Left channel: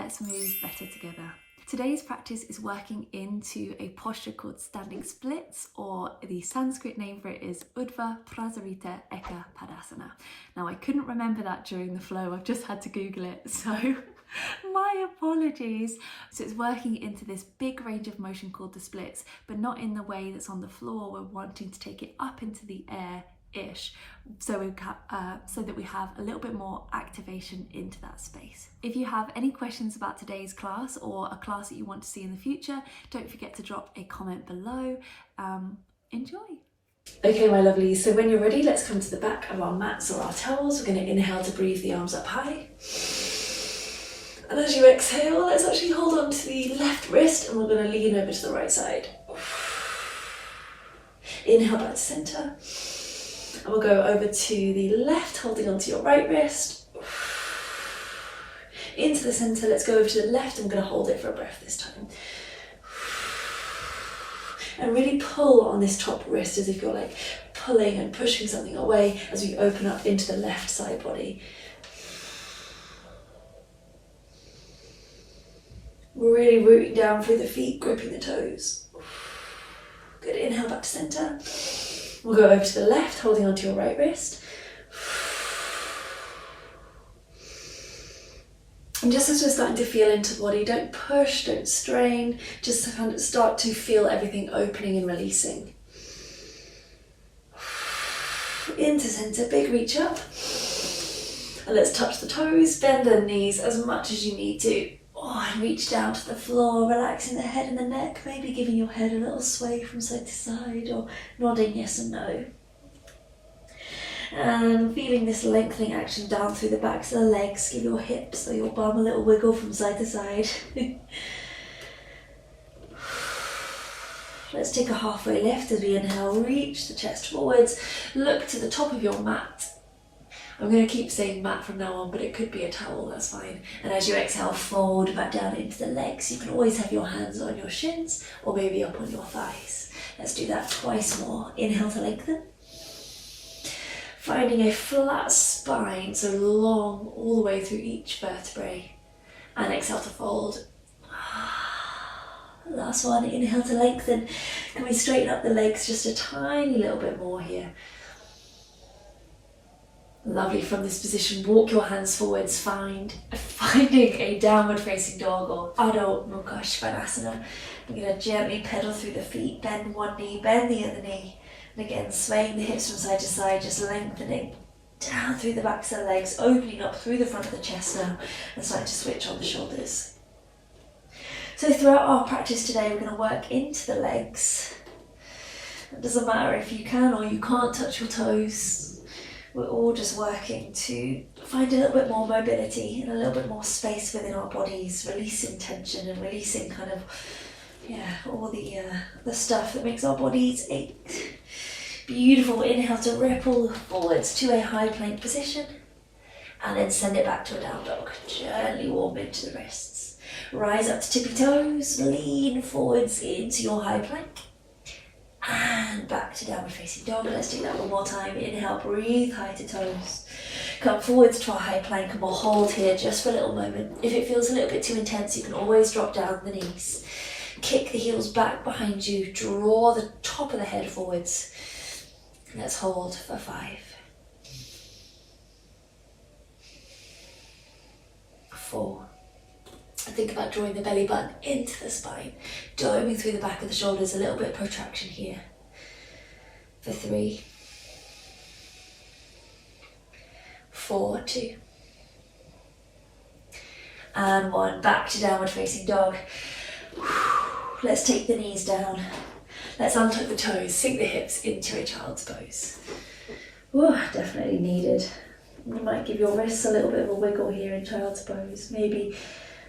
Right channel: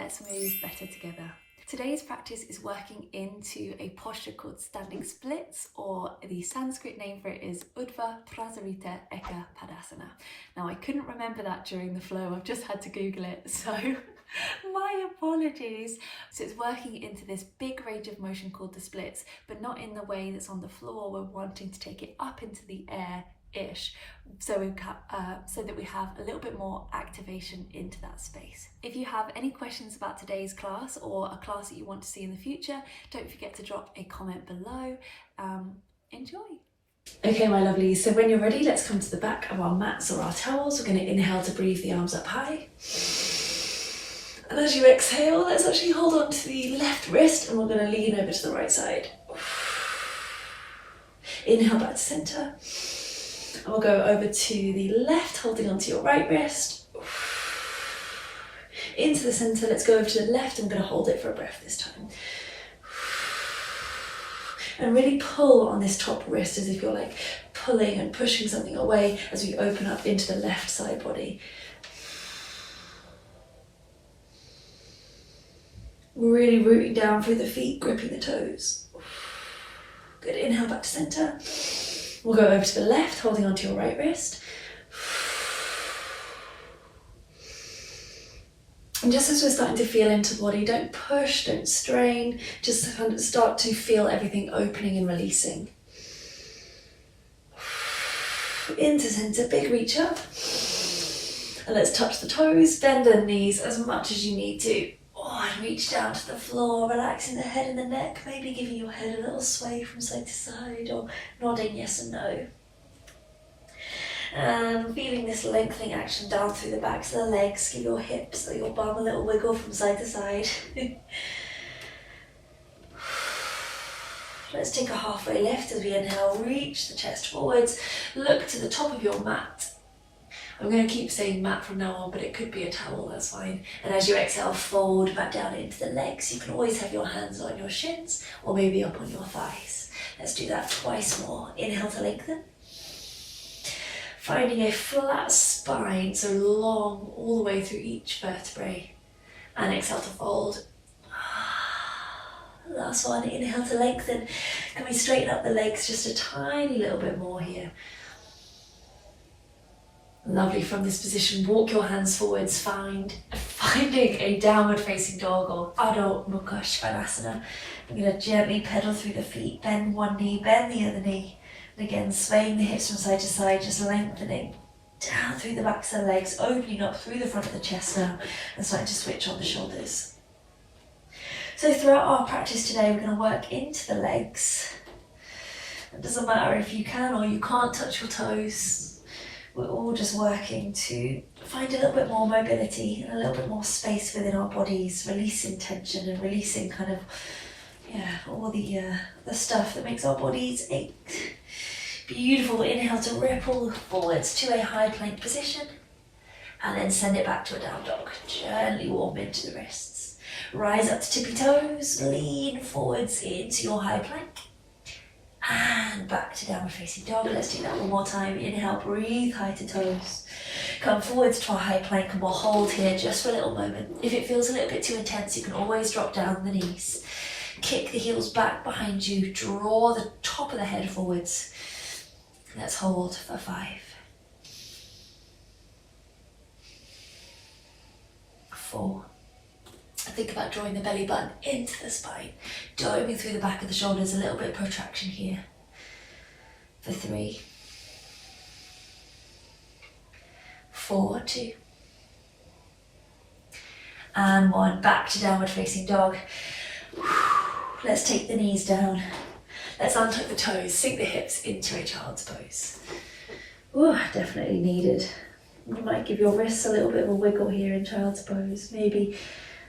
let's move better together. Today's practice is working into a posture called standing splits, or the Sanskrit name for it is Urdhva Prasarita Eka Padasana. Now I couldn't remember that during the flow, I've just had to Google it, so my apologies. So it's working into this big range of motion called the splits, but not in the way that's on the floor. We're wanting to take it up into the air-ish, so that we have a little bit more activation into that space. If you have any questions about today's class or a class that you want to see in the future, don't forget to drop a comment below. Enjoy. Okay, my lovelies, so when you're ready, let's come to the back of our mats or our towels. We're going to inhale to breathe the arms up high. And as you exhale, let's actually hold on to the left wrist and we're going to lean over to the right side. Inhale back to center. And we'll go over to the left, holding onto your right wrist. Into the center, let's go over to the left. I'm going to hold it for a breath this time. And really pull on this top wrist as if you're like pulling and pushing something away as we open up into the left side body. Really rooting down through the feet, gripping the toes. Good, inhale back to center. We'll go over to the left, holding onto your right wrist. And just as we're starting to feel into the body, don't push, don't strain, just kind of start to feel everything opening and releasing. Into center, big reach up. And let's touch the toes, bend the knees as much as you need to. And reach down to the floor, relaxing the head and the neck, maybe giving your head a little sway from side to side or nodding yes and no. And feeling this lengthening action down through the backs of the legs, give your hips or your bum a little wiggle from side to side. Let's take a halfway lift as we inhale, reach the chest forwards, look to the top of your mat. I'm going to keep saying mat from now on, but it could be a towel, that's fine. And as you exhale, fold back down into the legs. You can always have your hands on your shins or maybe up on your thighs. Let's do that twice more. Inhale to lengthen. Finding a flat spine, so long all the way through each vertebrae. And exhale to fold. Last one, inhale to lengthen. Can we straighten up the legs just a tiny little bit more here? Lovely. From this position, walk your hands forwards, finding a downward facing dog or Adho Mukha Svanasana. We're going to gently pedal through the feet, bend one knee, bend the other knee. And again, swaying the hips from side to side, just lengthening down through the backs of the legs, opening up through the front of the chest now, and starting to switch on the shoulders. So throughout our practice today, we're going to work into the legs. It doesn't matter if you can or you can't touch your toes. We're all just working to find a little bit more mobility and a little bit more space within our bodies, releasing tension and releasing kind of, all the stuff that makes our bodies ache. Beautiful. Inhale to ripple forwards to a high plank position and then send it back to a down dog. Gently warm into the wrists. Rise up to tippy toes, lean forwards into your high plank. And back to downward facing dog. Let's do that one more time. Inhale, breathe high to toes. Come forwards to our high plank and we'll hold here just for a little moment. If it feels a little bit too intense, you can always drop down the knees. Kick the heels back behind you. Draw the top of the head forwards. Let's hold for 5. 4. Think about drawing the belly button into the spine, doming through the back of the shoulders, a little bit of protraction here. For 3, 4, 2, and 1. Back to downward facing dog. Let's take the knees down. Let's untuck the toes, sink the hips into a child's pose. Ooh, definitely needed. You might give your wrists a little bit of a wiggle here in child's pose. Maybe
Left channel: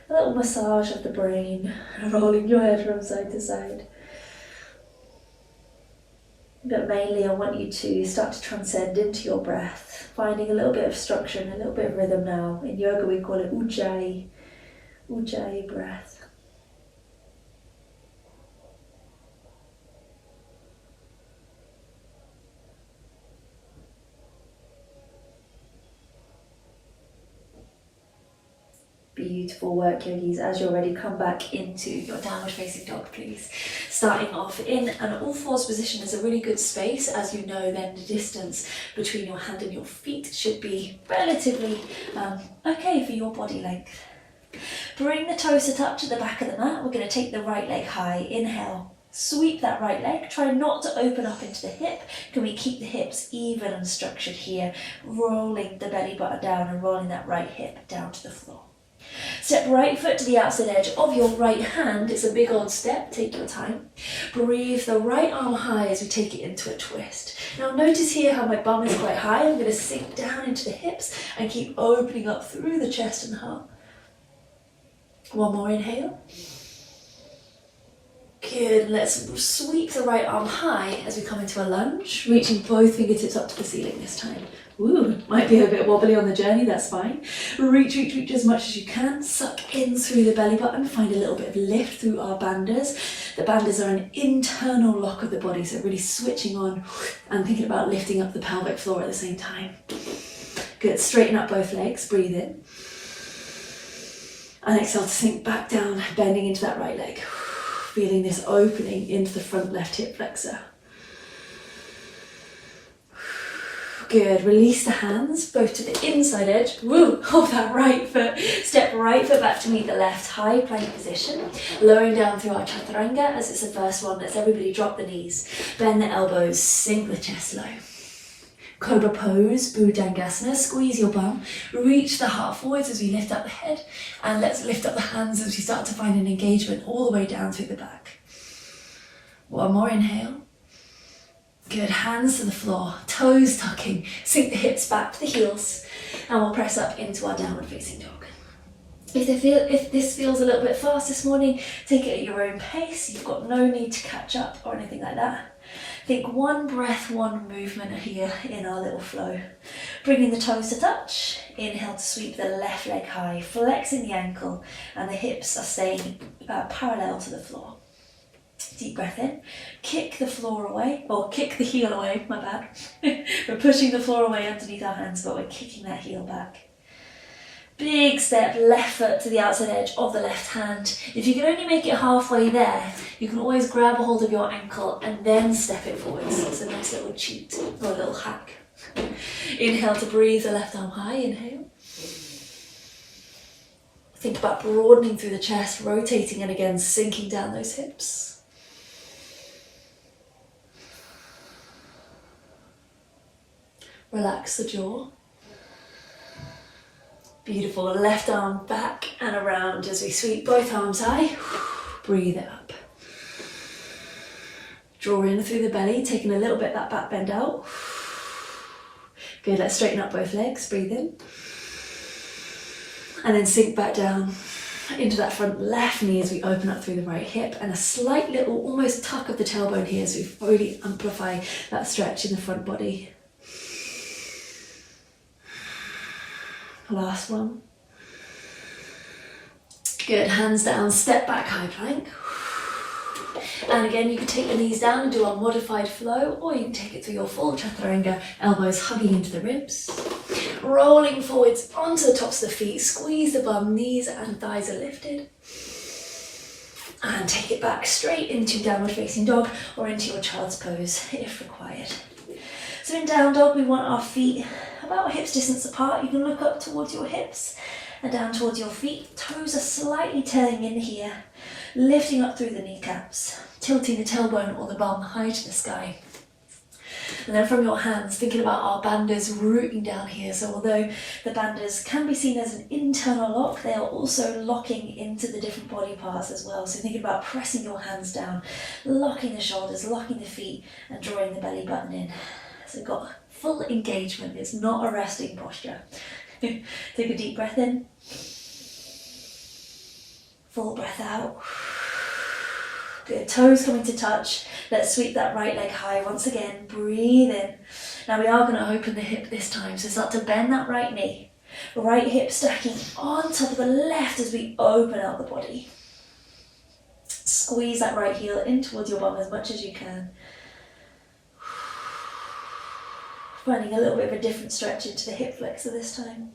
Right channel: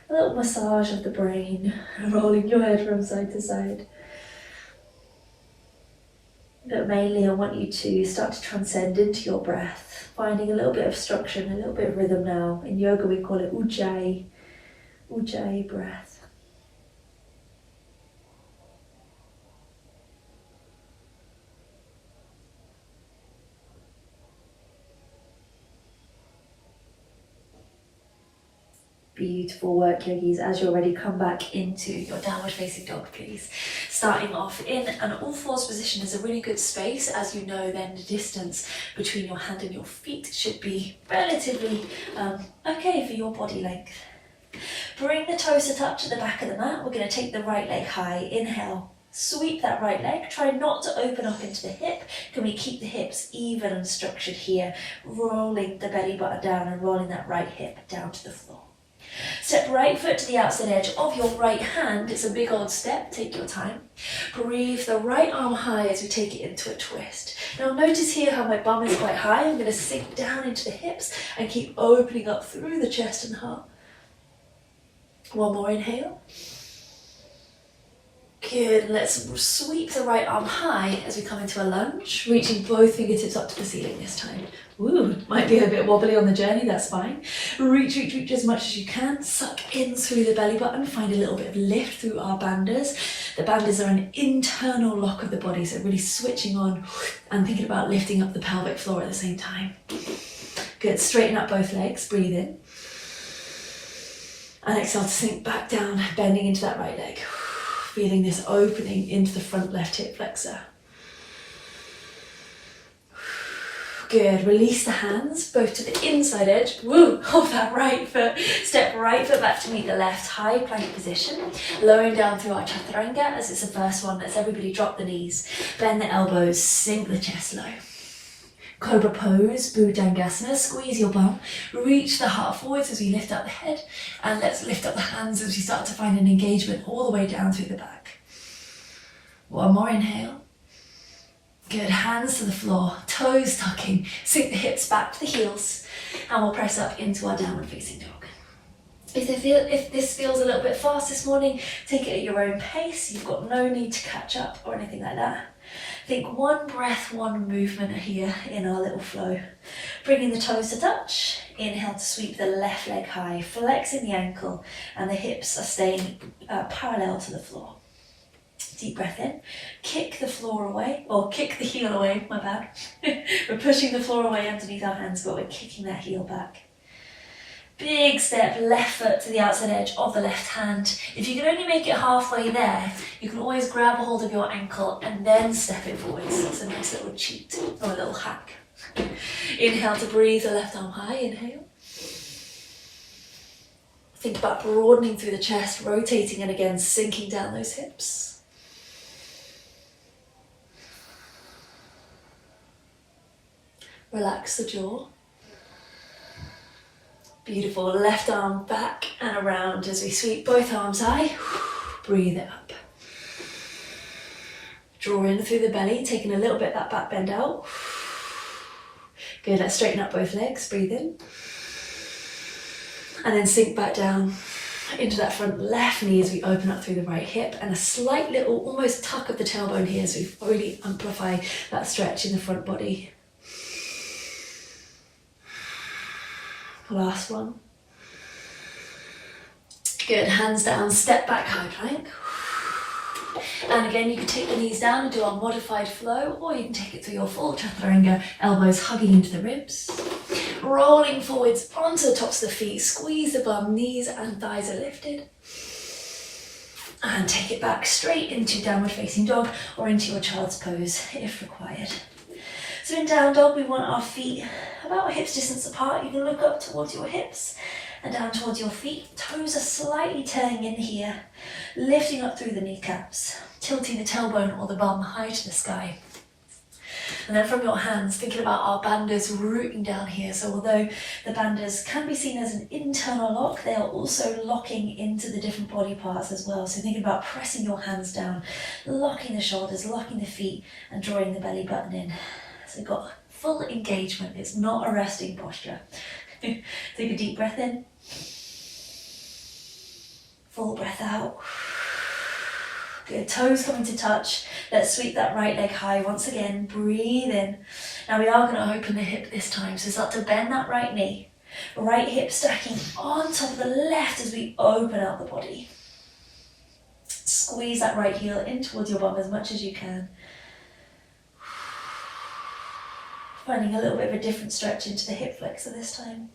a little massage of the brain, rolling your head from side to side. But mainly I want you to start to transcend into your breath, finding a little bit of structure and a little bit of rhythm now. In yoga we call it ujjayi breath. Beautiful work, yogis. As you're ready, come back into your downward facing dog, please. Starting off in an all fours position is a really good space. As you know, then the distance between your hand and your feet should be relatively okay for your body length. Bring the toes to touch at the back of the mat. We're going to take the right leg high. Inhale, sweep that right leg. Try not to open up into the hip. Can we keep the hips even and structured here? Rolling the belly button down and rolling that right hip down to the floor. Step right foot to the outside edge of your right hand. It's a big old step, take your time. Breathe the right arm high as we take it into a twist. Now notice here how my bum is quite high. I'm going to sink down into the hips and keep opening up through the chest and heart. One more inhale. Good, let's sweep the right arm high as we come into a lunge, reaching both fingertips up to the ceiling this time. Ooh, might be a bit wobbly on the journey, that's fine. Reach as much as you can, suck in through the belly button, find a little bit of lift through our bandhas. The bandhas are an internal lock of the body, so really switching on and thinking about lifting up the pelvic floor at the same time. Good, straighten up both legs, breathe in. And exhale to sink back down, bending into that right leg. Feeling this opening into the front left hip flexor. Good, release the hands, both to the inside edge. Woo, of that right foot. Step right foot back to meet the left, high plank position. Lowering down through our chaturanga as it's the first one. Let's everybody drop the knees. Bend the elbows, sink the chest low. Cobra pose, Bhujangasana, squeeze your bum, reach the heart forwards as we lift up the head, and let's lift up the hands as we start to find an engagement all the way down through the back. One more inhale. Good, hands to the floor, toes tucking, sink the hips back to the heels, and we'll press up into our downward facing dog. If this feels a little bit fast this morning, take it at your own pace. You've got no need to catch up or anything like that. Think one breath, one movement here in our little flow. Bringing the toes to touch. Inhale to sweep the left leg high, flexing the ankle, and the hips are staying parallel to the floor. Deep breath in. Kick the floor away, or kick the heel away, my bad. We're pushing the floor away underneath our hands, but we're kicking that heel back. Big step, left foot to the outside edge of the left hand. If you can only make it halfway there, you can always grab a hold of your ankle and then step it forwards. So it's a nice little cheat or a little hack. Inhale to breathe the left arm high, inhale. Think about broadening through the chest, rotating and again sinking down those hips. Relax the jaw. Beautiful, left arm back and around as we sweep both arms high. Breathe it up. Draw in through the belly, taking a little bit of that back bend out. Good, let's straighten up both legs, breathe in. And then sink back down into that front left knee as we open up through the right hip, and a slight little almost tuck of the tailbone here as we really amplify that stretch in the front body. Last one. Good, hands down, step back, high plank. And again, you can take the knees down and do our modified flow, or you can take it through your full chaturanga, elbows hugging into the ribs. Rolling forwards onto the tops of the feet, squeeze the bum, knees and thighs are lifted. And take it back straight into downward facing dog or into your child's pose if required. So in down dog, we want our feet about hips distance apart. You can look up towards your hips and down towards your feet. Toes are slightly turning in here, lifting up through the kneecaps, tilting the tailbone or the bum high to the sky. And then from your hands, thinking about our bandhas rooting down here. So although the bandhas can be seen as an internal lock, they are also locking into the different body parts as well. So thinking about pressing your hands down, locking the shoulders, locking the feet, and drawing the belly button in. So you've got full engagement. It's not a resting posture. Take a deep breath in. Full breath out. Good, toes coming to touch. Let's sweep that right leg high once again. Breathe in. Now we are going to open the hip this time. So start to bend that right knee. Right hip stacking on top of the left as we open out the body. Squeeze that right heel in towards your bum as much as you can. Finding a little bit of a different stretch into the hip flexor this time.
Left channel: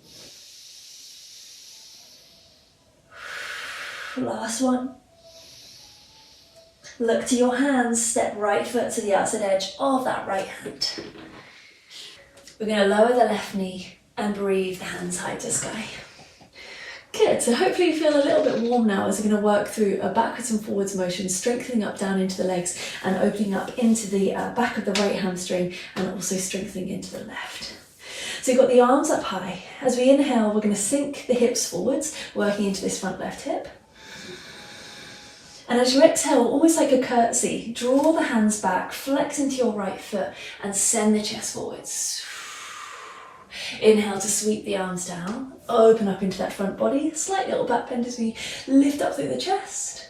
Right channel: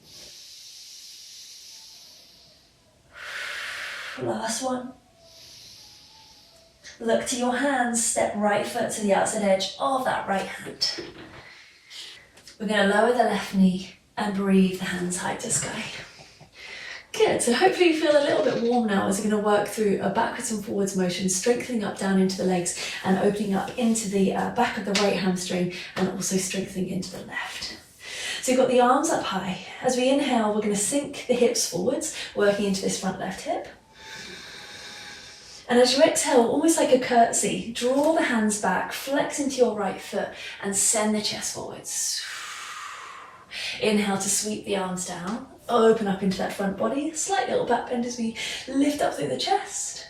Last one. Look to your hands, step right foot to the outside edge of that right hand. We're going to lower the left knee and breathe the hands high to sky. Good, so hopefully you feel a little bit warm now as we're going to work through a backwards and forwards motion, strengthening up down into the legs and opening up into the back of the right hamstring and also strengthening into the left. So you've got the arms up high. As we inhale, we're going to sink the hips forwards, working into this front left hip. And as you exhale, almost like a curtsy, draw the hands back, flex into your right foot and send the chest forwards. Inhale to sweep the arms down, open up into that front body, slight little back bend as we lift up through the chest.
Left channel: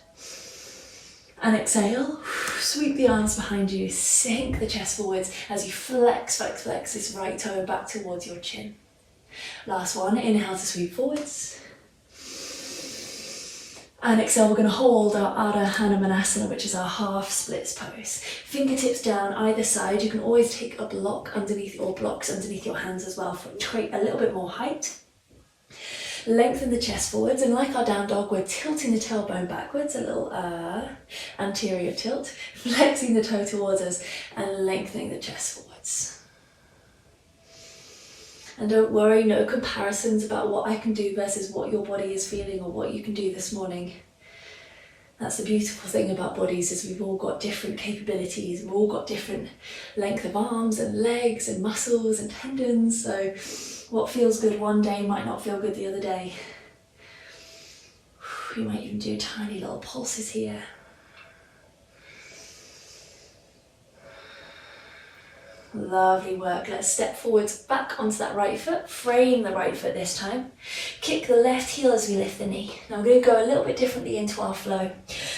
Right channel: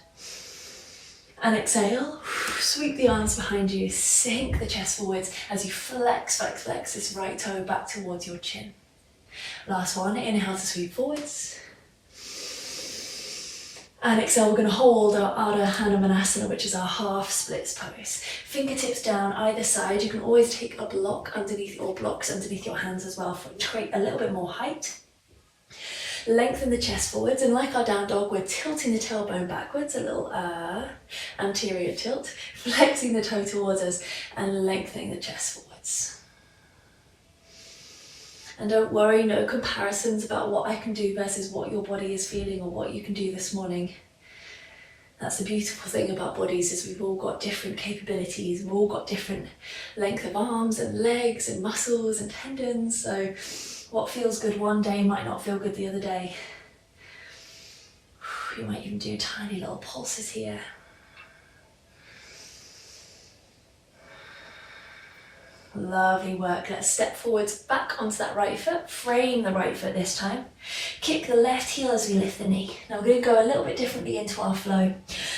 And exhale, sweep the arms behind you, sink the chest forwards as you flex this right toe back towards your chin. Last one, inhale to sweep forwards. And exhale, we're going to hold our Urdhva Prasarita, which is our half splits pose. Fingertips down either side. You can always take a block underneath or blocks underneath your hands as well to create a little bit more height. Lengthen the chest forwards, and like our down dog, we're tilting the tailbone backwards, a little anterior tilt, flexing the toe towards us and lengthening the chest forwards. And don't worry, no comparisons about what I can do versus what your body is feeling or what you can do this morning. That's the beautiful thing about bodies, is we've all got different capabilities, we've all got different length of arms and legs and muscles and tendons, so what feels good one day might not feel good the other day. You might even do tiny little pulses here. Lovely work. Let's step forwards back onto that right foot, frame the right foot this time. Kick the left heel as we lift the knee. Now we're going to go a little bit differently into our flow.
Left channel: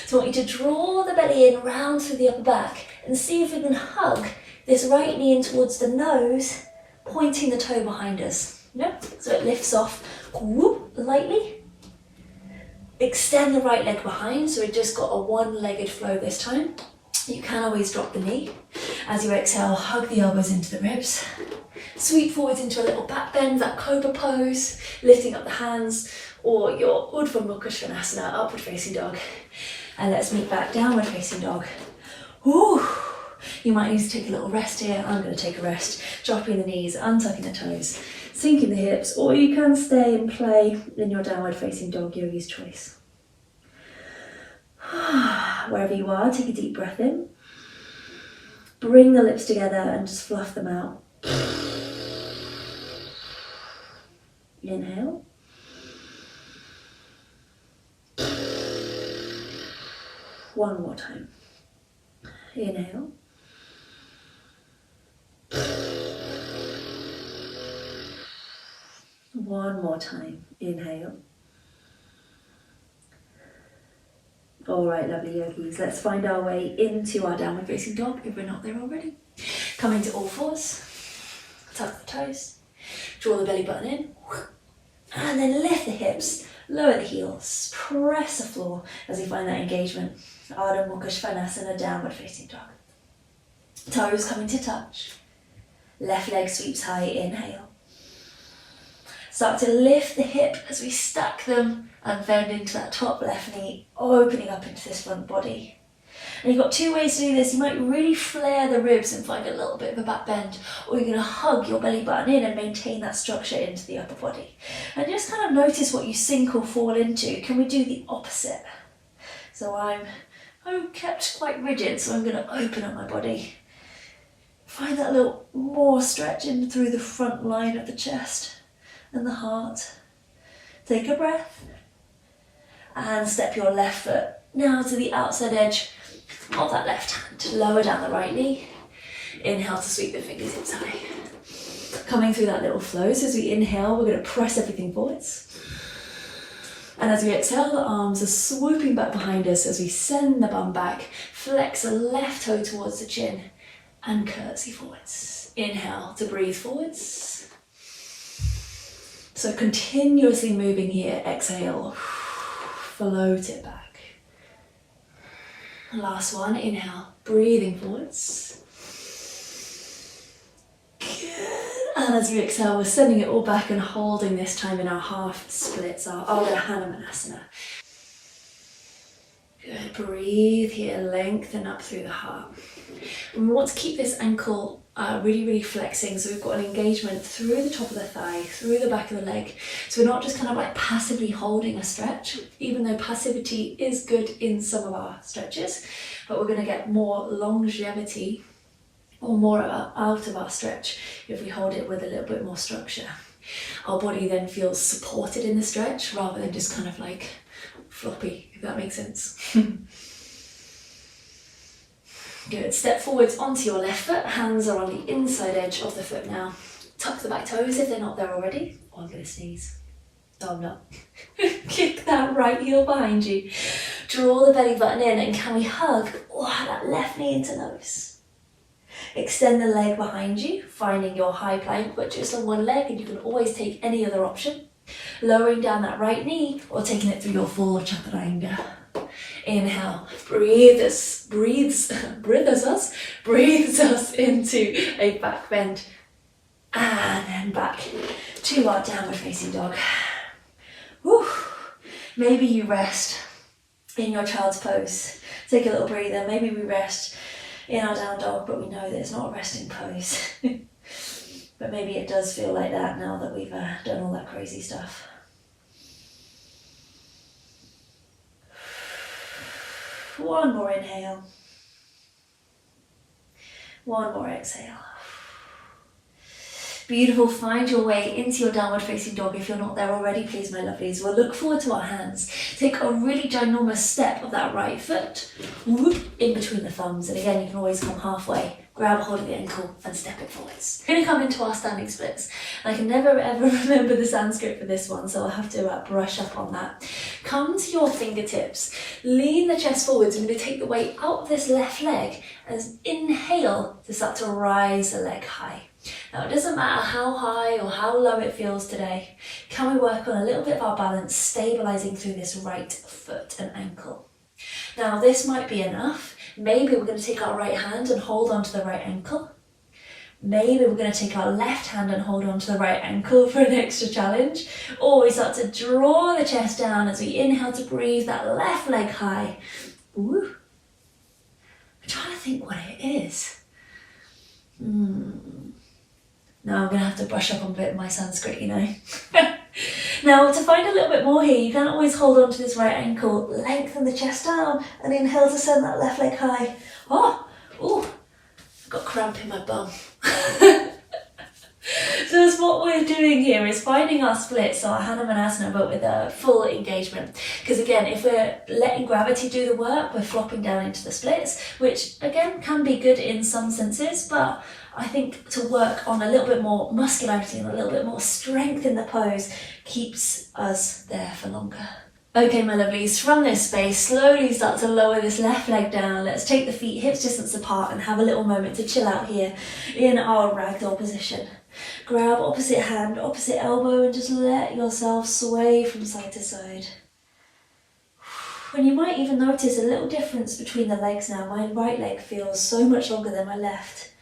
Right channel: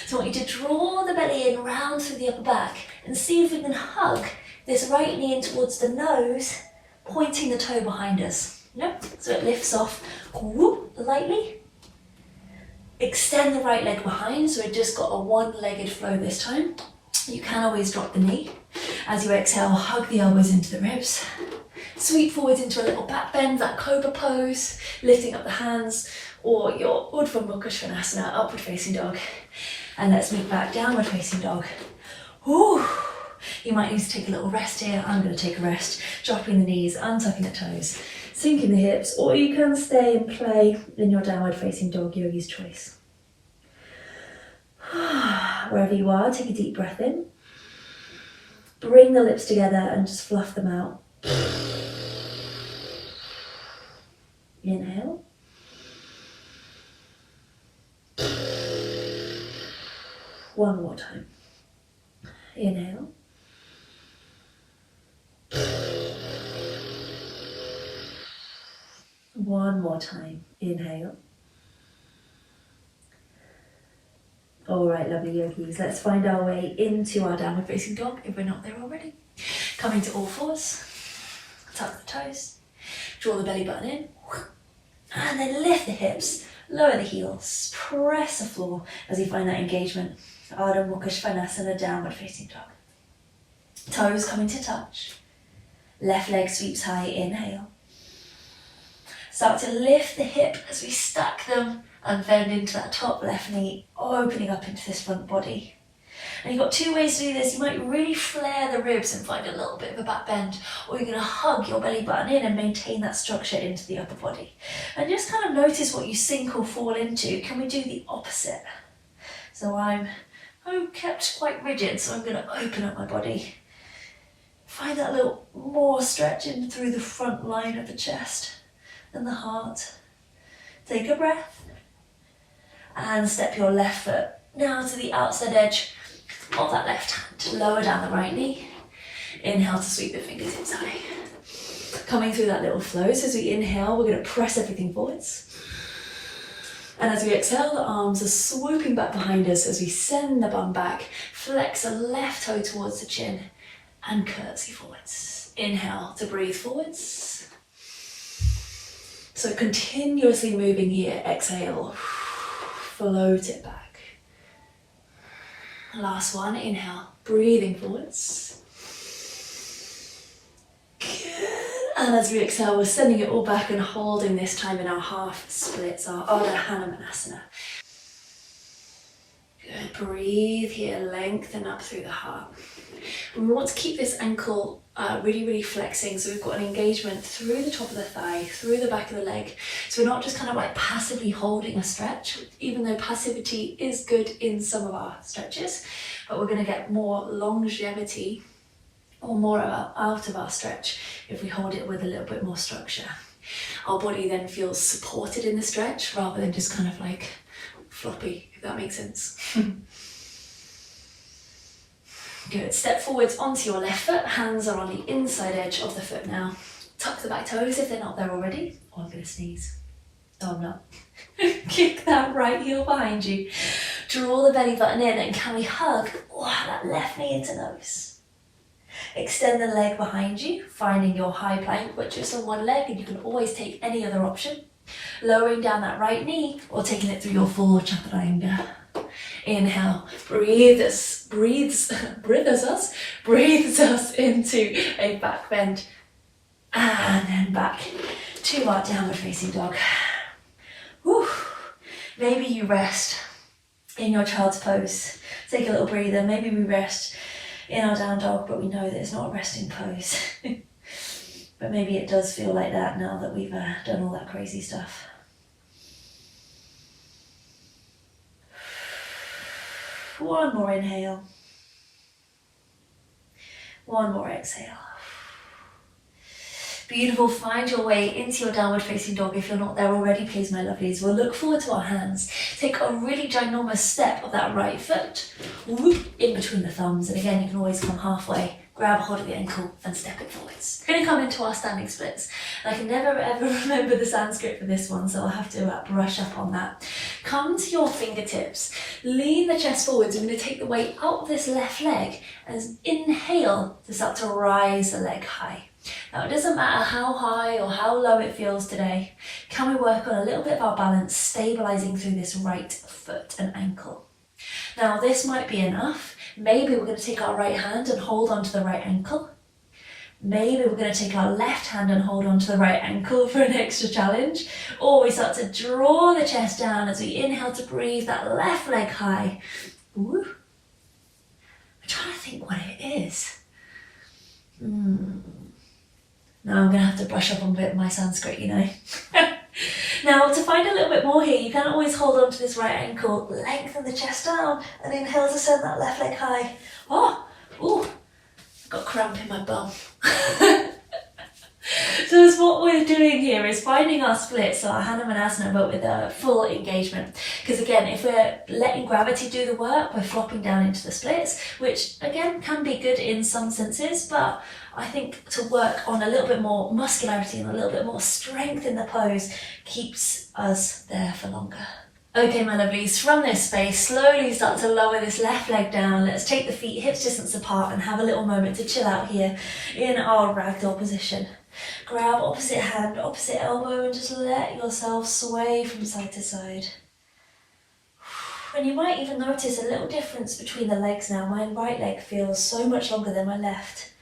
So I want you to draw the belly in round through the upper back and see if we can hug this right knee in towards the nose, pointing the toe behind us. Yep. So it lifts off, whoop, lightly. Extend the right leg behind, so we've just got a one-legged flow this time. You can always drop the knee. As you exhale, hug the elbows into the ribs. Sweep forwards into a little back bend, that cobra pose, lifting up the hands, or your Urdhva Prasarita, upward facing dog. And let's move back, downward facing dog. Ooh. You might need to take a little rest here. I'm going to take a rest, dropping the knees, untucking the toes, sinking the hips, or you can stay and play in your downward facing dog, yogi's choice. Wherever you are, take a deep breath in. Bring the lips together and just fluff them out. Inhale. One more time. Inhale. One more time. Inhale. All right, lovely yogis, let's find our way into our downward facing dog if we're not there already. Coming to all fours, tuck the toes, draw the belly button in, and then lift the hips, lower the heels, press the floor as you find that engagement. Urdhva Prasarita, downward facing dog. Toes coming to touch, left leg sweeps high, inhale. Start to lift the hip as we stack them and bend into that top left knee, opening up into this front body. And you've got two ways to do this. You might really flare the ribs and find a little bit of a back bend, or you're going to hug your belly button in and maintain that structure into the upper body. And just kind of notice what you sink or fall into. Can we do the opposite? So I'm kept quite rigid, so I'm going to open up my body. Find that little more stretch in through the front line of the chest and the heart. Take a breath and step your left foot now to the outside edge of that left hand. Lower down the right knee. Inhale to sweep the fingertips high. Coming through that little flow. So as we inhale, we're going to press everything forwards. And as we exhale, the arms are swooping back behind us as we send the bum back. Flex the left toe towards the chin and curtsy forwards. Inhale to breathe forwards. So continuously moving here, exhale, float it back. Last one, inhale, breathing forwards. Good. And as we exhale, we're sending it all back and holding this time in our half splits, our Urdhva Prasarita. breathe here, lengthen up through the heart. And we want to keep this ankle really, really flexing, so we've got an engagement through the top of the thigh, through the back of the leg. So we're not just kind of like passively holding a stretch, even though passivity is good in some of our stretches, but we're going to get more longevity or more out of our stretch if we hold it with a little bit more structure. Our body then feels supported in the stretch rather than just kind of like floppy, if that makes sense. Good. Step forwards onto your left foot. Hands are on the inside edge of the foot now. Tuck the back toes if they're not there already. Oh, I'm going to sneeze. No, I'm not. Kick that right heel behind you. Draw the belly button in, and can we hug that left knee into nose? Extend the leg behind you, finding your high plank, but just on one leg, and you can always take any other option. Lowering down that right knee or taking it through your full chaturanga. Inhale, breathes us into a back bend, and then back to our downward facing dog. Whew. Maybe you rest in your child's pose. Take a little breather. Maybe we rest in our down dog, but we know that it's not a resting pose. But maybe it does feel like that now that we've done all that crazy stuff. One more inhale. One more exhale. Beautiful. Find your way into your downward facing dog. If you're not there already, please, my lovelies. We'll look forward to our hands. Take a really ginormous step of that right foot in between the thumbs. And again, you can always come halfway, grab a hold of the ankle and step it forwards. We're going to come into our standing splits. I can never ever remember the Sanskrit for this one, so I'll have to brush up on that. Come to your fingertips. Lean the chest forwards. I'm going to take the weight out of this left leg and inhale to start to rise the leg high. Now, it doesn't matter how high or how low it feels today. Can we work on a little bit of our balance, stabilizing through this right foot and ankle? Now, this might be enough. Maybe we're going to take our right hand and hold onto the right ankle. Maybe we're going to take our left hand and hold onto the right ankle for an extra challenge. Or we start to draw the chest down as we inhale to breathe that left leg high. Ooh. I'm trying to think what it is. Now I'm going to have to brush up on a bit of my Sanskrit, you know. Now, to find a little bit more here, you can always hold on to this right ankle, lengthen the chest down, and inhale to send that left leg high. I've got cramp in my bum. So that's what we're doing here, is finding our splits, so our Hanumanasana, but with a full engagement. Because again, if we're letting gravity do the work, we're flopping down into the splits, which again can be good in some senses, but I think to work on a little bit more muscularity and a little bit more strength in the pose keeps us there for longer. Okay, my lovelies, from this space, slowly start to lower this left leg down. Let's take the feet hips distance apart and have a little moment to chill out here in our ragdoll position. Grab opposite hand, opposite elbow, and just let yourself sway from side to side. And you might even notice a little difference between the legs now. My right leg feels so much longer than my left.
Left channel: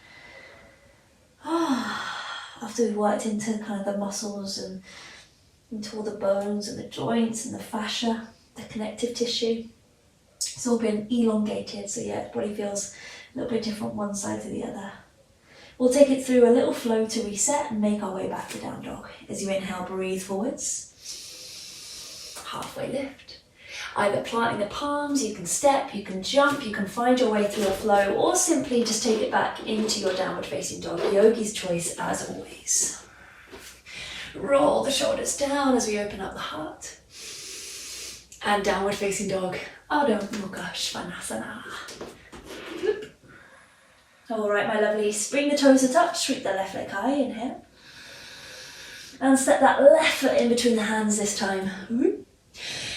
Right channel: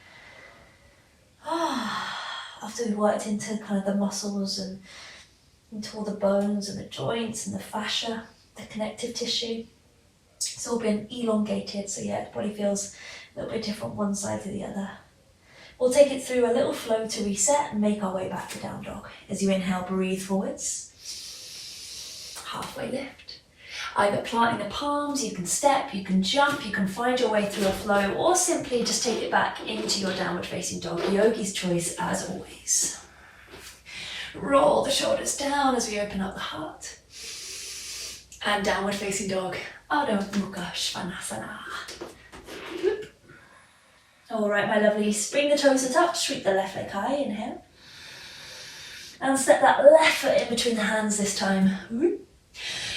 After we've worked into kind of the muscles and into all the bones and the joints and the fascia, the connective tissue. It's all been elongated, so yeah, the body feels a little bit different one side to the other. We'll take it through a little flow to reset and make our way back to down dog. As you inhale, breathe forwards. Halfway lift. Either planting the palms, you can step, you can jump, you can find your way through a flow, or simply just take it back into your downward facing dog. Yogi's choice as always. Roll the shoulders down as we open up the heart. And downward facing dog, Urdhva Prasarita. All right, my lovelies, bring the toes to touch, sweep the left leg high, inhale. And step that left foot in between the hands this time.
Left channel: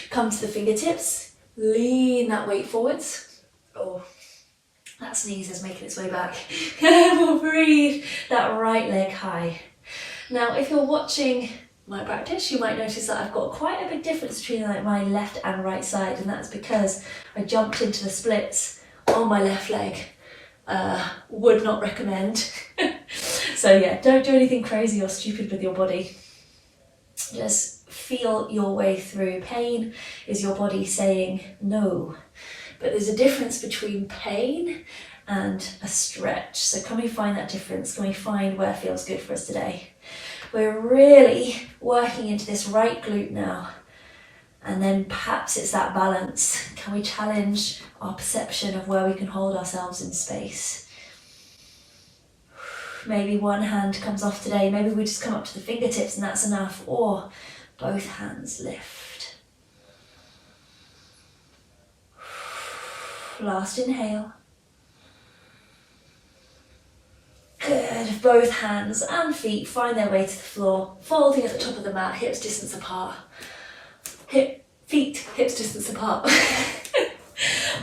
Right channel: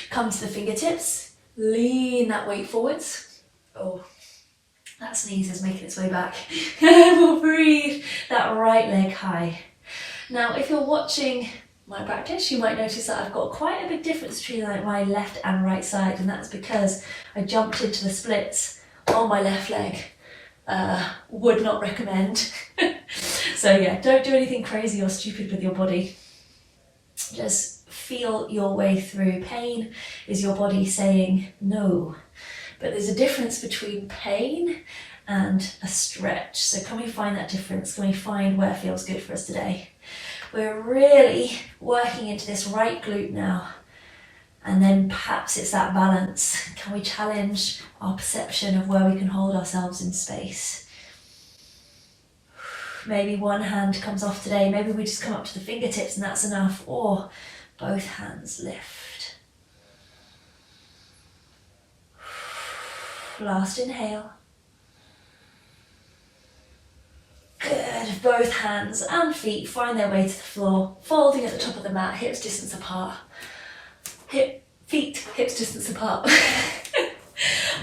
Come to the fingertips, lean that weight forwards. Oh, that sneeze is making its way back. And we'll breathe that right leg high. Now, if you're watching my practice, you might notice that I've got quite a big difference between like my left and right side, and that's because I jumped into the splits on my left leg. Would not recommend. So yeah, don't do anything crazy or stupid with your body. Just feel your way through. Pain is your body saying no. But there's a difference between pain and a stretch. So can we find that difference? Can we find where feels good for us today? We're really working into this right glute now. And then perhaps it's that balance. Can we challenge our perception of where we can hold ourselves in space? Maybe one hand comes off today. Maybe we just come up to the fingertips and that's enough. Or both hands lift. Last inhale. Good. Both hands and feet find their way to the floor, folding at the top of the mat, hips distance apart. Feet, hips distance apart.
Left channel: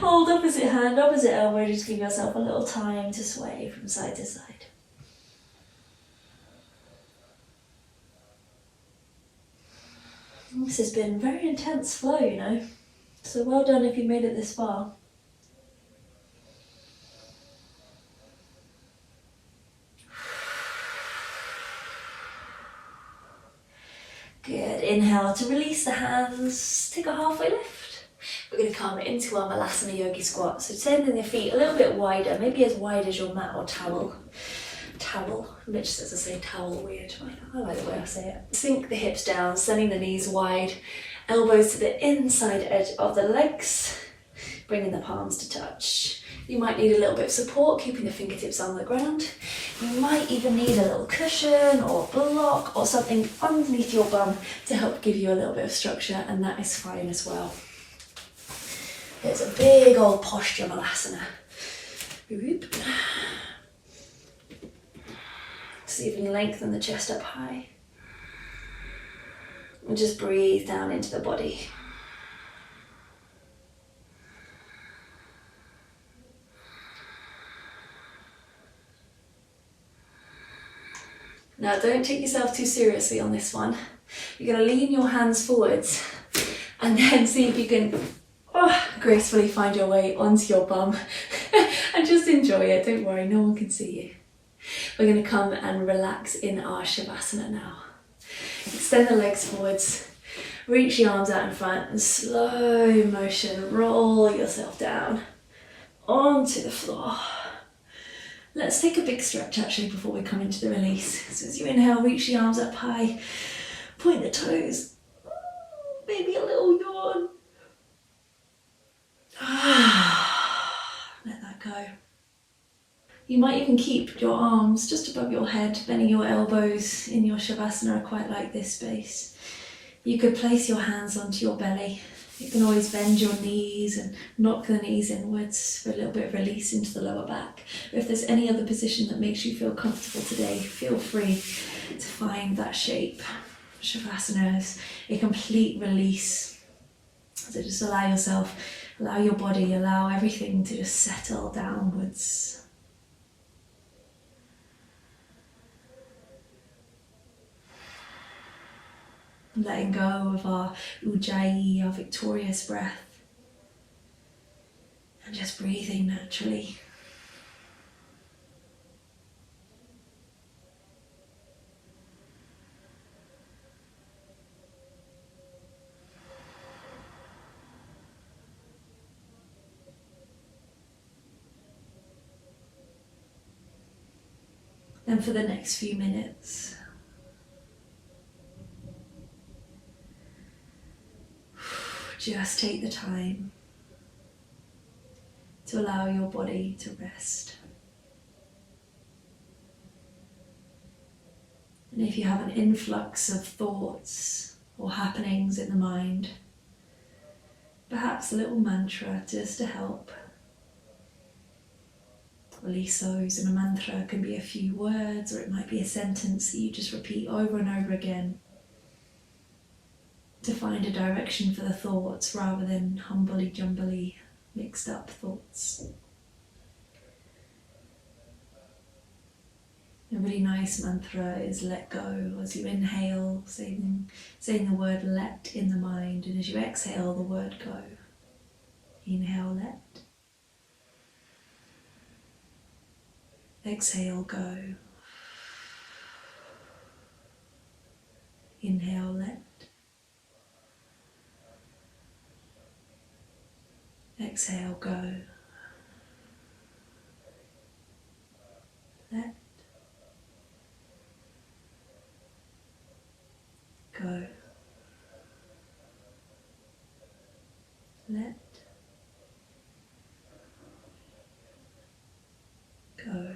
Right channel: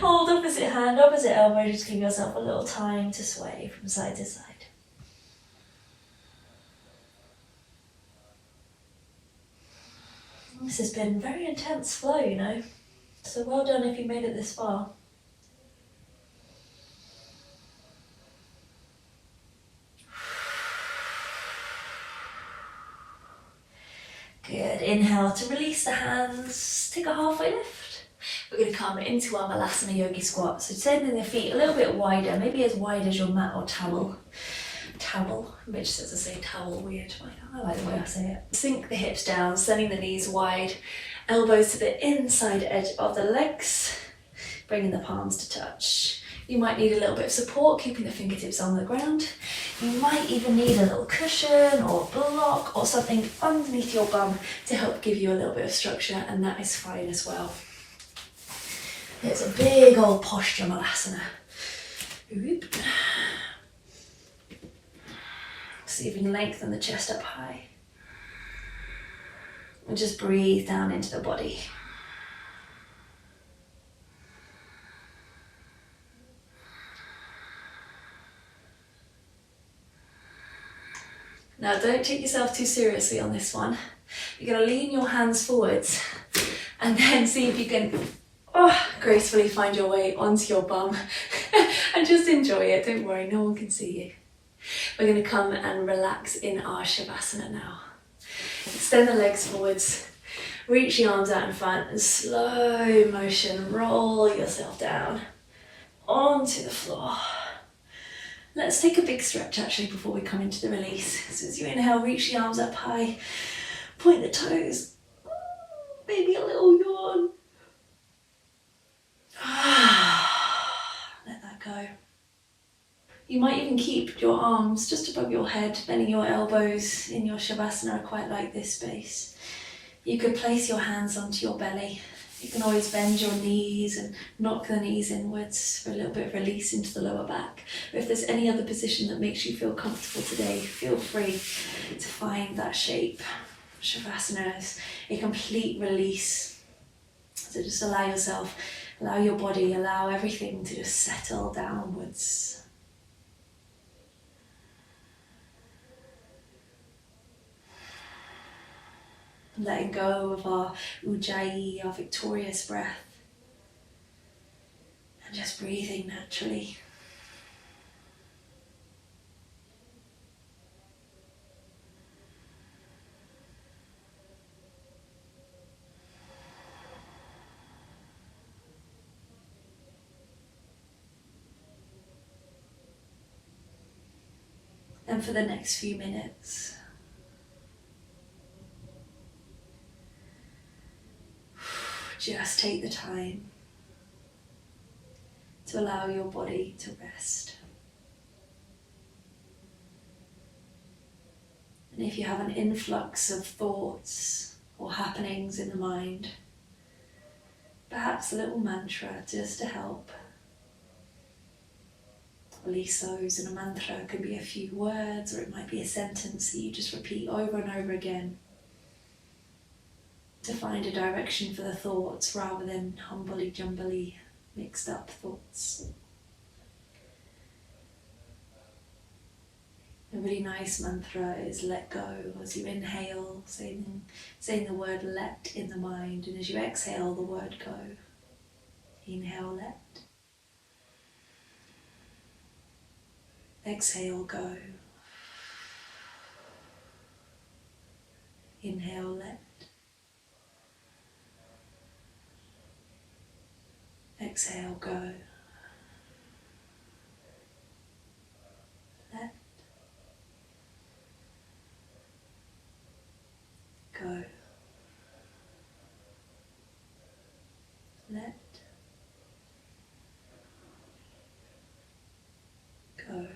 Hold opposite hand, opposite elbow, just give yourself a little time to sway from side to side. This has been a very intense flow, you know, so well done if you made it this far. Good, inhale to release the hands, take a halfway lift. We're going to come into our Malasana Yogi squat, so sending the feet a little bit wider, maybe as wide as your mat or towel. Mitch says I say towel weird, I like the way I say it. Sink the hips down, sending the knees wide, elbows to the inside edge of the legs, bringing the palms to touch. You might need a little bit of support, keeping the fingertips on the ground. You might even need a little cushion or block or something underneath your bum to help give you a little bit of structure, and that is fine as well. It's a big old posture Malasana. See if you can lengthen the chest up high. And just breathe down into the body. Now don't take yourself too seriously on this one. You're going to lean your hands forwards and then see if you can gracefully find your way onto your bum and just enjoy it. Don't worry, no one can see you. We're going to come and relax in our Shavasana now. Extend the legs forwards, reach the arms out in front and slow motion roll yourself down onto the floor. Let's take a big stretch actually before we come into the release. So as you inhale, reach the arms up high, point the toes, maybe a little yawn. Let that go. You might even keep your arms just above your head, bending your elbows in your Shavasana. I quite like this space. You could place your hands onto your belly. You can always bend your knees and knock the knees inwards for a little bit of release into the lower back. But if there's any other position that makes you feel comfortable today, feel free to find that shape. Shavasana is a complete release. So just allow yourself, allow your body, allow everything to just settle downwards. Letting go of our ujjayi, our victorious breath, and just breathing naturally. And for the next few minutes, just take the time to allow your body to rest. And if you have an influx of thoughts or happenings in the mind, perhaps a little mantra just to help release those. And a mantra can be a few words, or it might be a sentence that you just repeat over and over again to find a direction for the thoughts rather than humbly-jumbly mixed up thoughts. A really nice mantra is let go. As you inhale, saying the word let in the mind, and as you exhale, the word go. Inhale, let. Exhale, go. Inhale, let. exhale, go. Let go. Let go.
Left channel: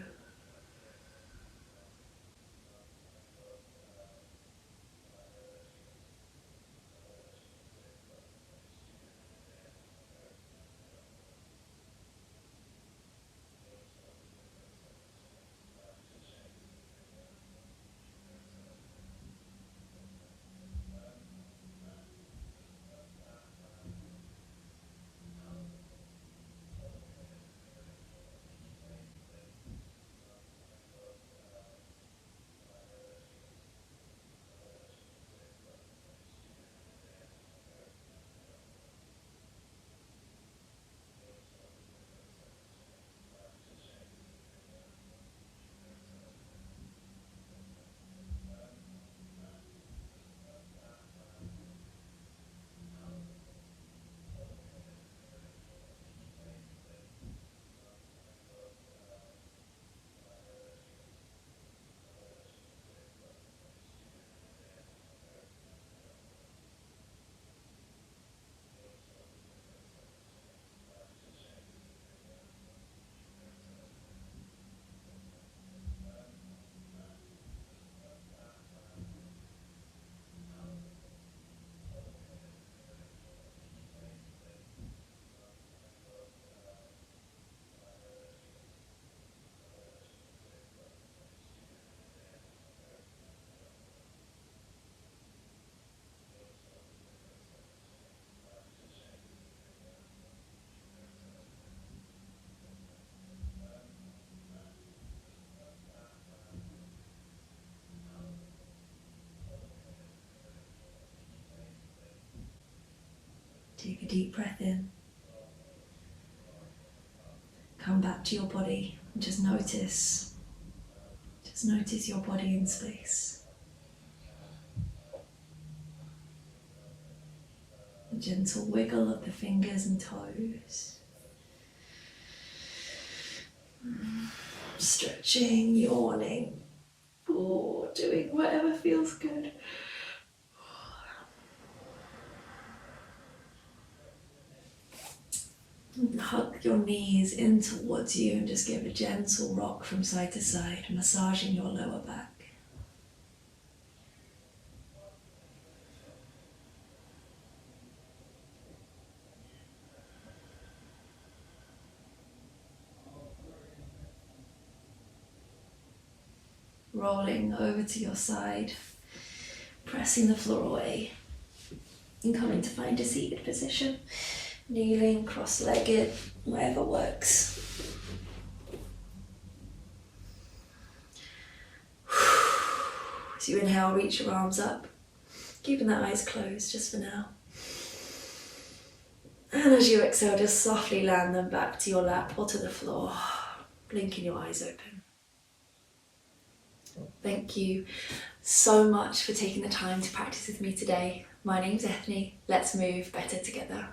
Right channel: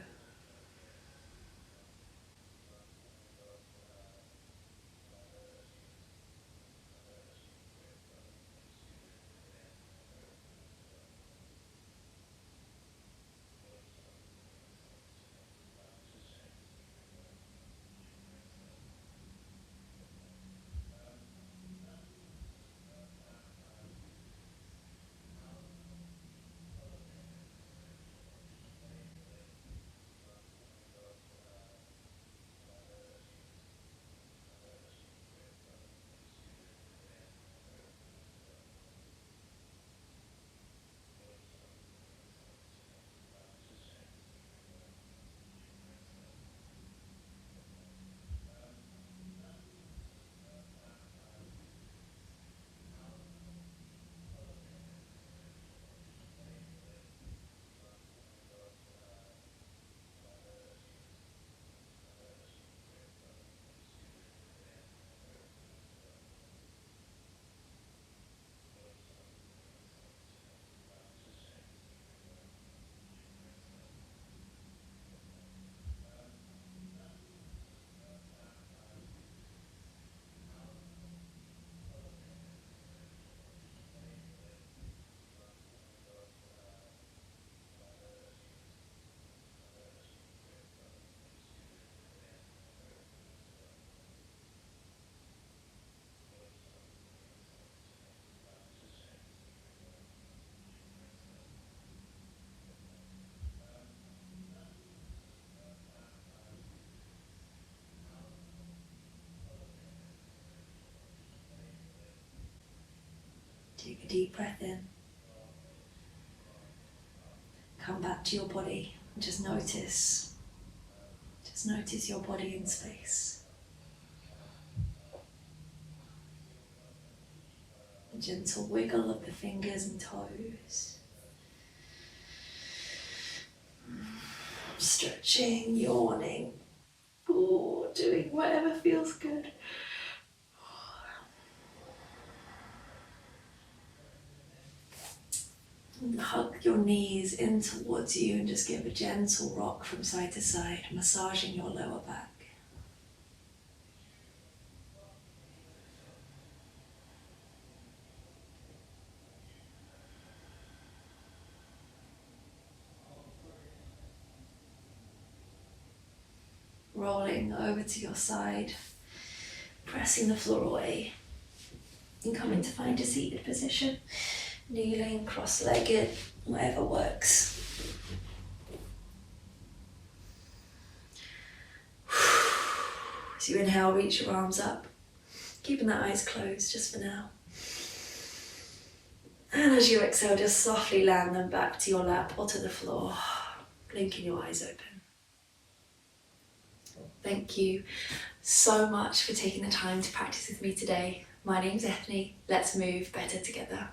Take a deep breath in. Come back to your body and just notice your body in space. A gentle wiggle of the fingers and toes. Stretching, yawning, doing whatever feels good. Hug your knees in towards you and just give a gentle rock from side to side, massaging your lower back. Rolling over to your side, pressing the floor away and coming to find a seated position. Kneeling, cross-legged, whatever works. As you inhale, reach your arms up, keeping the eyes closed just for now. And as you exhale, just softly land them back to your lap or to the floor, blinking your eyes open. Thank you so much for taking the time to practice with me today. My name's Eithne. Let's move better together.